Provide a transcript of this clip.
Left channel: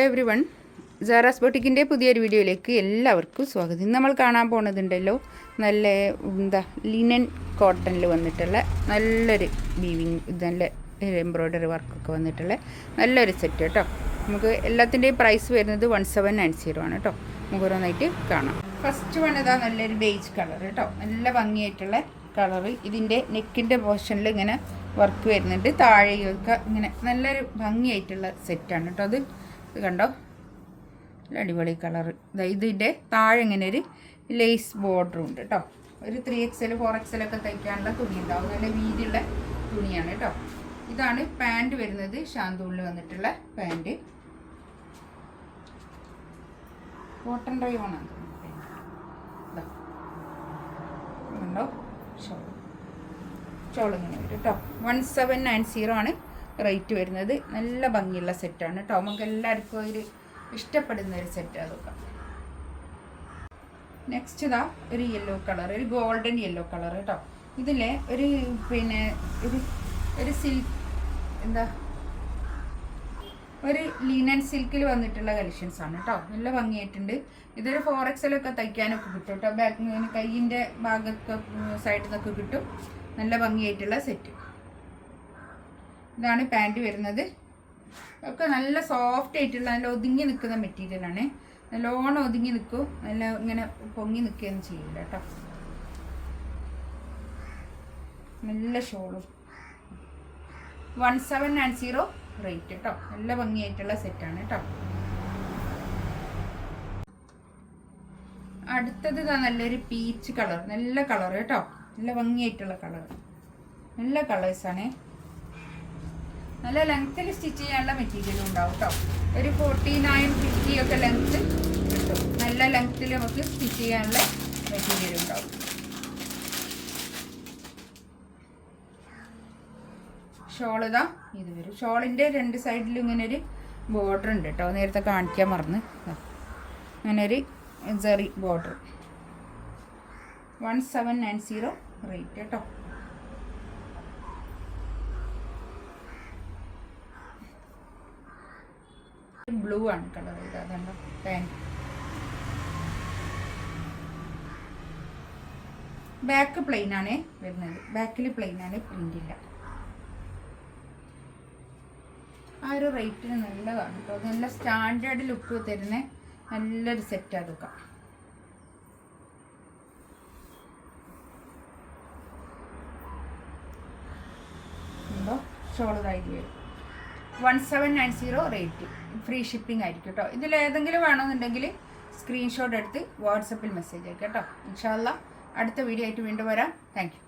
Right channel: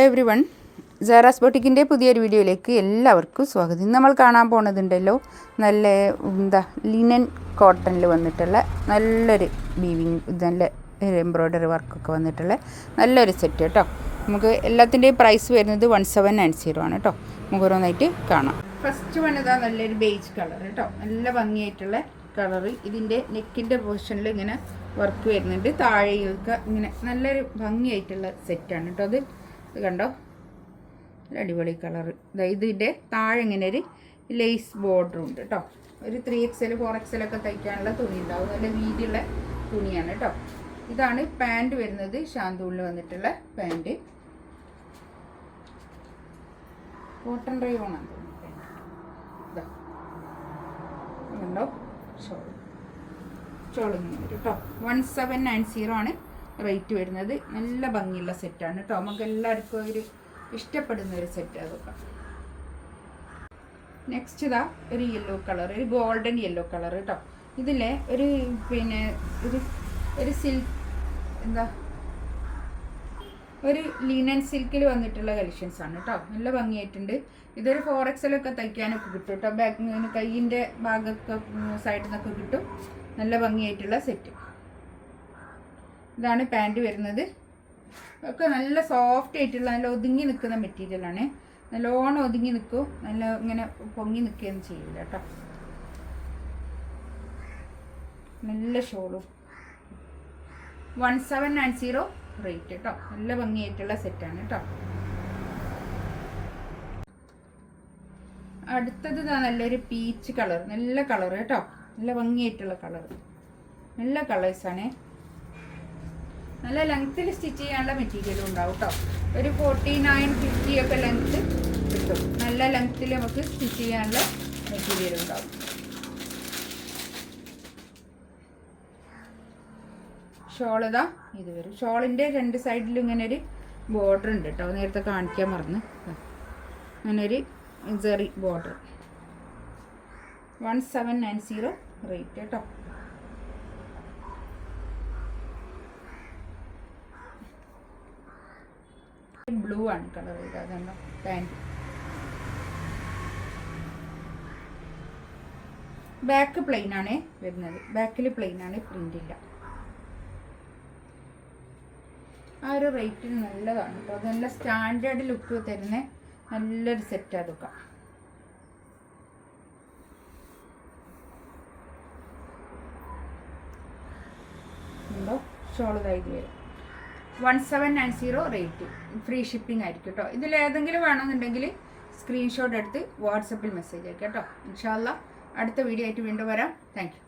Every one, Sara's ബൊട്ടിക്കിൻ്റെ പുതിയൊരു വീഡിയോയിലേക്ക് എല്ലാവർക്കും സ്വാഗതം. ഇന്ന് നമ്മൾ കാണാൻ പോണതുണ്ടല്ലോ നല്ല ലിനൻ കോട്ടണിൽ വന്നിട്ടുള്ള നല്ലൊരു വീവിങ്, നല്ല എംബ്രോയ്ഡറി വർക്കൊക്കെ വന്നിട്ടുള്ള നല്ലൊരു സെറ്റ് കേട്ടോ. നമുക്ക് എല്ലാത്തിൻ്റെയും പ്രൈസ് വരുന്നത് 1790 ആണ് കേട്ടോ. നമുക്ക് ഓരോന്നായിട്ട് കാണാം. ഫസ്റ്റ് വൺ ഇതാ നല്ലൊരു ബേജ് കളർ കേട്ടോ, നല്ല ഭംഗിയായിട്ടുള്ള കളറ്. ഇതിൻ്റെ നെക്കിൻ്റെ പോർഷനിൽ ഇങ്ങനെ വർക്ക് വരുന്നുണ്ട്, താഴെയൊക്കെ ഇങ്ങനെ നല്ലൊരു ഭംഗിയായിട്ടുള്ള സെറ്റാണ് കേട്ടോ. ഇത് കണ്ടോ, അടിപൊളി കളറ്. ഇതിൻ്റെ താഴെ ഇങ്ങനെ ഒരു ലേസ് ബോർഡറും ഉണ്ട് കേട്ടോ. ഒരു 3XL 4XL ഒക്കെ തയ്ക്കാനുള്ള തുണി ഉണ്ടാവും, നല്ല വീതിയുള്ള തുണിയാണ് കേട്ടോ. ഇതാണ് പാൻറ് വരുന്നത്, ഷാന്തൂളിൽ വന്നിട്ടുള്ള പാൻറ്. കോട്ടൺ റയോണാണ് കണ്ടോ. ഷോളിങ്ങനെ വരും കേട്ടോ. 1790 ആണ് റേറ്റ് വരുന്നത്. നല്ല ഭംഗിയുള്ള സെറ്റാണ് കേട്ടോ. നമുക്ക് എല്ലാവർക്കും ഒരു ഇഷ്ടപ്പെടുന്ന ഒരു സെറ്റ് അതൊക്കെ. നെക്സ്റ്റ് ഇതാ ഒരു യെല്ലോ കളർ, ഒരു ഗോൾഡൻ യെല്ലോ കളർ കേട്ടോ. ഇതിലെ ഒരു ഒരു സിൽക്ക് ഒരു ലിനൻ സിൽക്കിൽ വന്നിട്ടുള്ള കളക്ഷൻസ് ആണ് കേട്ടോ. നല്ല ഭംഗിയായിട്ടുണ്ട്. ഇതൊരു 4XL ഒക്കെ തയ്ക്കാനൊക്കെ കിട്ടും കേട്ടോ. ബാക്ക് കയ്യിൻ്റെ ഭാഗമൊക്കെ സൈഡിൽ നിന്നൊക്കെ കിട്ടും. നല്ല ഭംഗിയായിട്ടുള്ള സെറ്റ്. ഇതാണ് പാൻറ് വരുന്നത്. ഒക്കെ നല്ല സോഫ്റ്റ് ആയിട്ടുള്ള നല്ല ഒതുങ്ങി നിൽക്കുന്ന മെറ്റീരിയലാണ്. നല്ലോണം ഒതുങ്ങി നിൽക്കും, നല്ല ഇങ്ങനെ പൊങ്ങി നിൽക്കുകയൊന്നും ചെയ്യില്ല കേട്ടോ. നല്ല ഷോളും. 1790 റേറ്റ് കേട്ടോ. നല്ല ഭംഗിയായിട്ടുള്ള സെറ്റാണ് കേട്ടോ. അടുത്തത് നല്ലൊരു പീച്ച് കളർ, നല്ല കളർ കേട്ടോ. നല്ല ഭംഗിയായിട്ടുള്ള കളർ, നല്ല കളേഴ്സാണ്. നല്ല ലെങ്ത്തിൽ സ്റ്റിച്ച് ചെയ്യാനുള്ള മെറ്റീരിയൽ ഉണ്ടാവും കേട്ടോ. ഒരു 49-50 ഒക്കെ ലെങ്ത്ത് കിട്ടും. നല്ല ലെങ്ത്തിൽ നമുക്ക് സ്റ്റിച്ച് ചെയ്യാനുള്ള മെറ്റീരിയൽ ഉണ്ടാവും. ഷോളിതാ ഇത് വരും. ഷോളിൻ്റെ രണ്ട് സൈഡിലും ഇങ്ങനെ ഒരു ബോർഡർ ഉണ്ട് കേട്ടോ. നേരത്തെ കാണിക്കാൻ മറന്ന്. അങ്ങനെ ഒരു ജെറി ബോർഡർ. 1790 റേറ്റ് കേട്ടോ. ബ്ലൂ ആണ് കളർ. ഇതാണ് പാൻറ്. ബാക്ക് പ്ലെയിൻ ആണ് വരുന്നത്. ബാക്കിൽ പ്ലെയിൻ ആണ്, പ്രിന്റ് ഇല്ല. ആ ഒരു റേറ്റിന് നല്ലതാണ് കേട്ടോ. നല്ല സ്റ്റാൻഡേർഡ് ലുക്ക് തരുന്ന നല്ലൊരു സെറ്റ് അതൊക്കെ. ഷോള് കയ്യിൽ വരും. 1790 റേറ്റ്. ഫ്രീ ഷിപ്പിംഗ് ആയിരിക്കും കേട്ടോ. ഇതിലേതെങ്കിലും വേണമെന്നുണ്ടെങ്കിൽ സ്ക്രീൻഷോട്ട് എടുത്ത് വാട്സപ്പിൽ മെസ്സേജ് അയക്കാം കേട്ടോ. ഇൻഷാ അല്ലാഹ് അടുത്ത വീഡിയോ ആയിട്ട് വീണ്ടും വരാം. Thank you.